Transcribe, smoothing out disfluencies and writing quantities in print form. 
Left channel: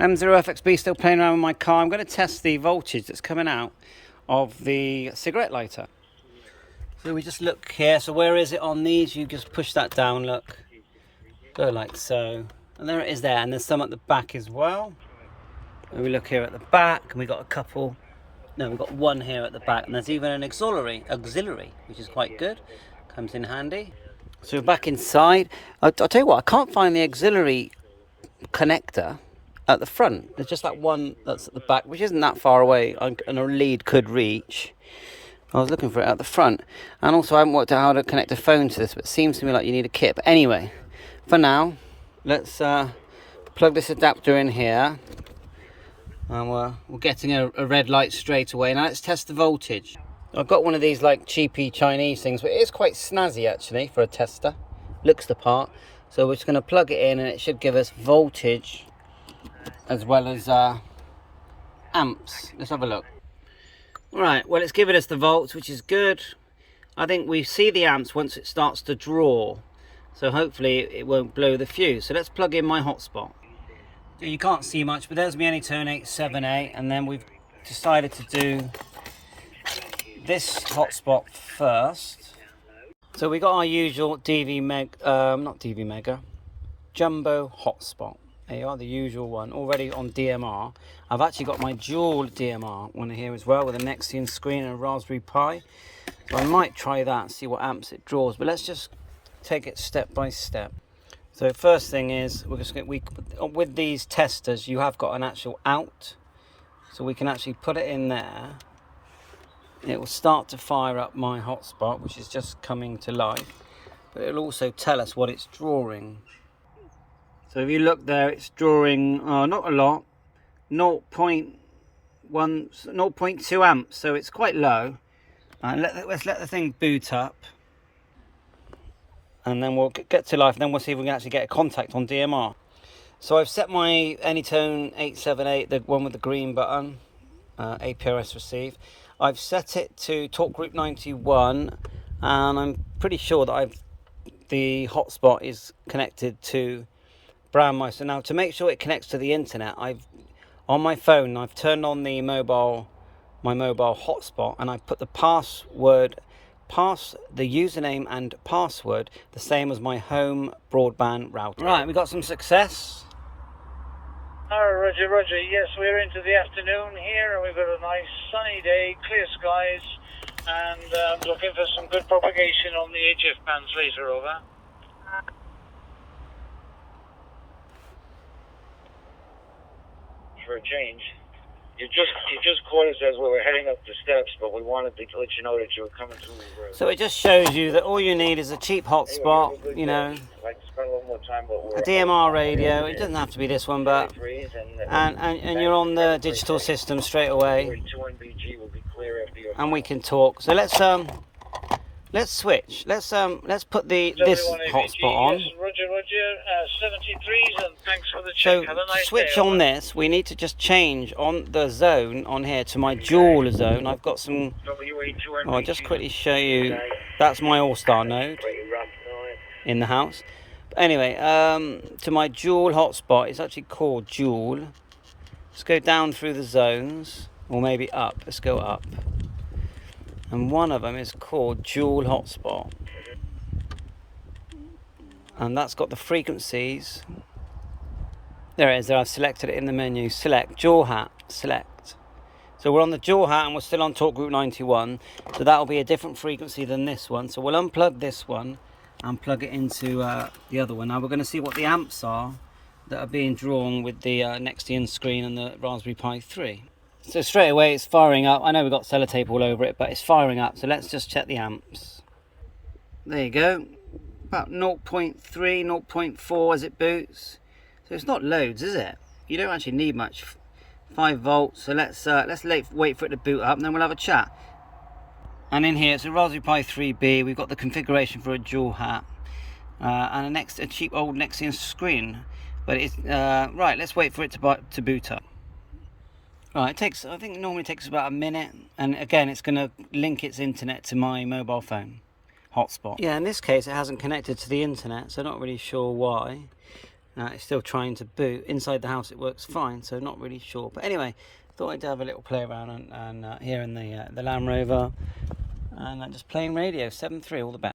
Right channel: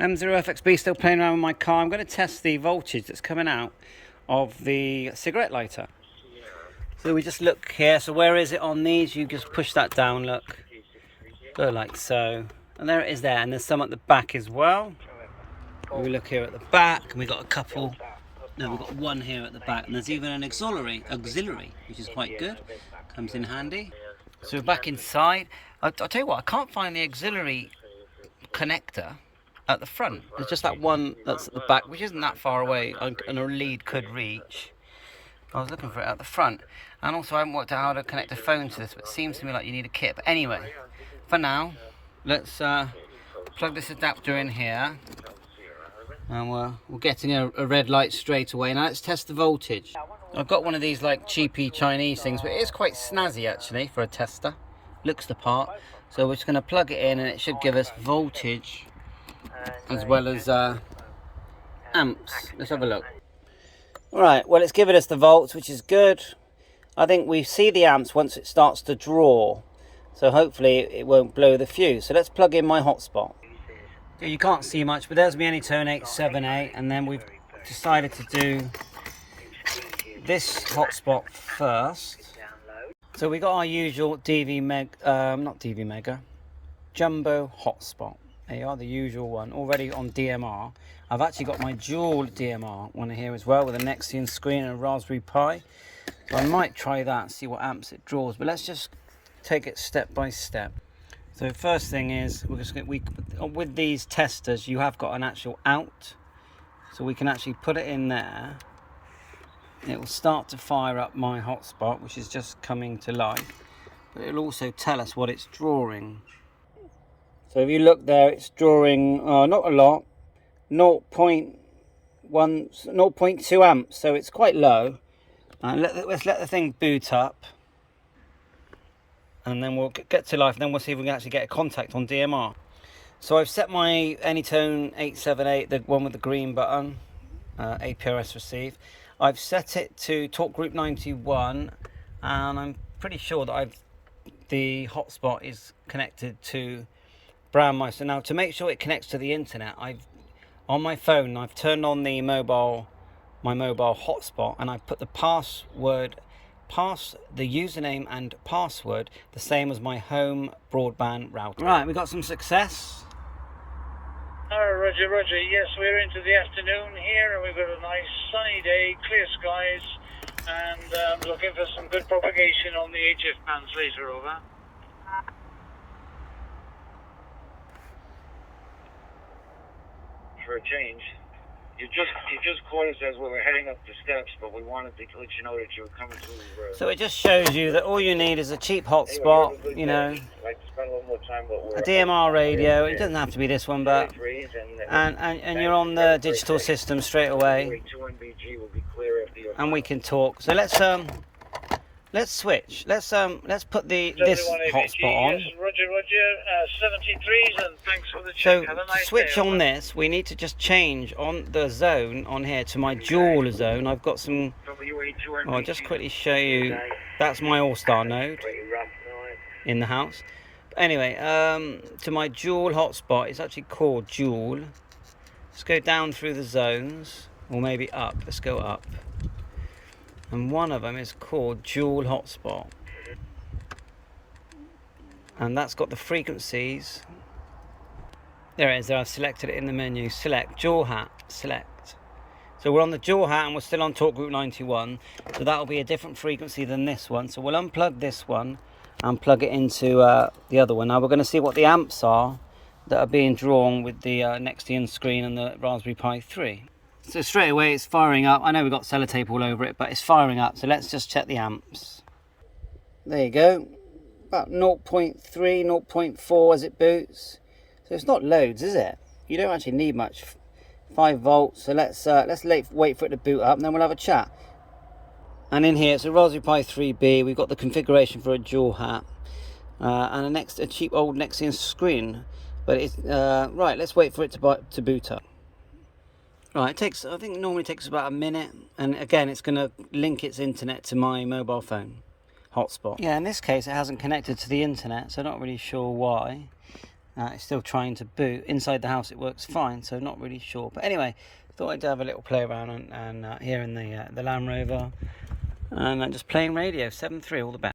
M0FXB still playing around with my car. I'm going to test the voltage that's coming out of the cigarette lighter. So we just look here. So where is it on these? You just push that down, look. Go like so. And there it is there. And there's some at the back as well. And we look here at the back, and we've got a couple. No, we've got one here at the back. And there's even an auxiliary, which is quite good. Comes in handy. So we're back inside. I'll tell you what, I can't find the auxiliary connector at the front. There's just that one that's at the back, which isn't that far away, and a lead could reach. I was looking for it at the front. And also I haven't worked out how to connect a phone to this, but it seems to me like you need a kit. But anyway, for now, let's plug this adapter in here. And we're getting a red light straight away. Now let's test the voltage. I've got one of these like cheapy Chinese things, but it is quite snazzy actually for a tester. Looks the part. So we're just going to plug it in, and it should give us voltage as well as amps. Let's have a look. Alright, well it's giving us the volts, which is good. I think we see the amps once it starts to draw. So hopefully it won't blow the fuse. So let's plug in my hotspot. You can't see much, but there's my Anytone 878, and then we've decided to do this hotspot first. So we got our usual DV Mega Jumbo hotspot. There you are, the usual one, already on DMR. I've actually got my dual DMR one here as well, with a Nexian screen and a Raspberry Pi. So I might try that and see what amps it draws. But let's just take it step by step. So first thing is, with these testers, you have got an actual out. So we can actually put it in there. It will start to fire up my hotspot, which is just coming to life. But it'll also tell us what it's drawing. So if you look there, it's drawing, not a lot, 0.2 amps, so it's quite low. Let's let the thing boot up, and then we'll get to life, and then we'll see if we can actually get a contact on DMR. So I've set my Anytone 878, the one with the green button, APRS receive. I've set it to Talk Group 91, and I'm pretty sure that the hotspot is connected to Brown. So now to make sure it connects to the internet, on my phone I've turned on my mobile hotspot, and I've put the username and password the same as my home broadband router. Right, we got some success. Roger, Roger. Yes, we're into the afternoon here, and we've got a nice sunny day, clear skies, and looking for some good propagation on the HF bands later. Over. For a change, you just called us as we were heading up the steps, but we wanted to let you know that you were coming through the road. So it just shows you that all you need is a cheap hotspot, you know, a DMR radio. It doesn't have to be this one, but and you're on the digital system straight away, and we can talk. So let's switch. Let's put this hotspot on. Yes, Roger, Roger. 73s, and thanks for the check. So to switch on this, we need to just change on the zone on here to my dual zone. I've got some. I'll just quickly show you. That's my all-star node in the house. But anyway, to my dual hotspot. It's actually called dual. Let's go down through the zones, or maybe up. Let's go up. And one of them is called dual hotspot, and that's got the frequencies. There it is. There, I've selected it in the menu. Select dual hat. Select. So we're on the dual hat, and we're still on Talk Group 91. So that'll be a different frequency than this one. So we'll unplug this one and plug it into the other one. Now we're going to see what the amps are that are being drawn with the Nexian screen and the Raspberry Pi 3. So straight away it's firing up. I know we've got sellotape all over it, but it's firing up. So let's just check the amps. There you go. About 0.3, 0.4 as it boots. So it's not loads, is it? You don't actually need much. 5 volts. So let's wait for it to boot up, and then we'll have a chat. And in here it's a Raspberry Pi 3B. We've got the configuration for a dual hat and a cheap old Nexian screen. But it's right. Let's wait for it to boot up. Right, I think it normally takes about a minute, and again it's going to link its internet to my mobile phone hotspot. Yeah, in this case it hasn't connected to the internet, so I'm not really sure why. It's still trying to boot. Inside the house it works fine, so not really sure. But anyway, thought I'd have a little play around and here in the Land Rover, and just playing radio 7.3, all the best.